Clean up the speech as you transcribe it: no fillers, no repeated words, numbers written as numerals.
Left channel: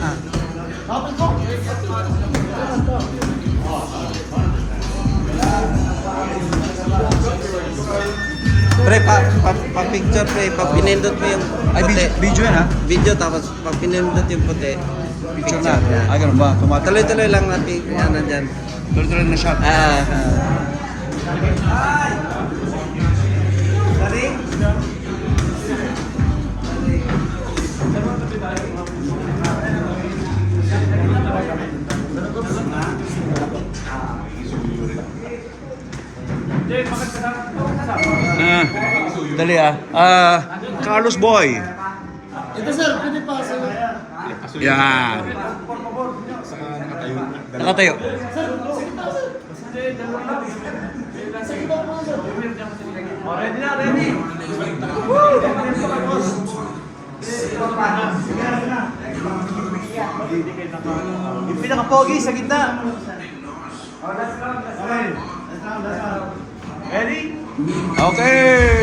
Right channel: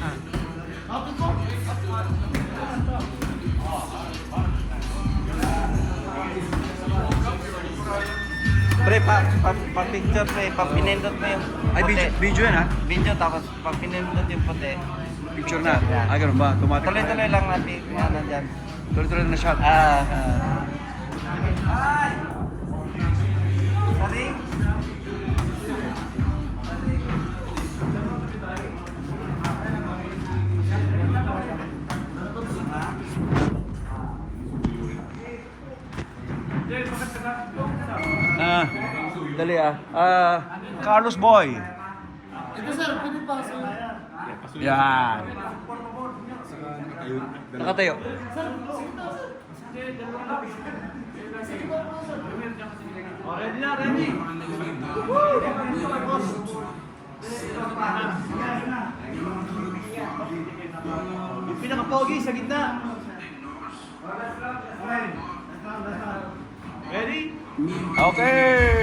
Ah. Pre, pa-picture pre, pa-pinindot mo yun. Ay, video yan ha? Video tapos pa-pinindot yung puti. Picture na. Ay, ganun ba? Tuloy-tuloy lang natin yan nandyan. Tuloy-tuloy na shot. Dali Carlos Boy. Ito sir, pwede pa sa... Yan. Nakatayo. Ready na, ready! Yung pinaka-pogi sa gitna. Ready? Okay.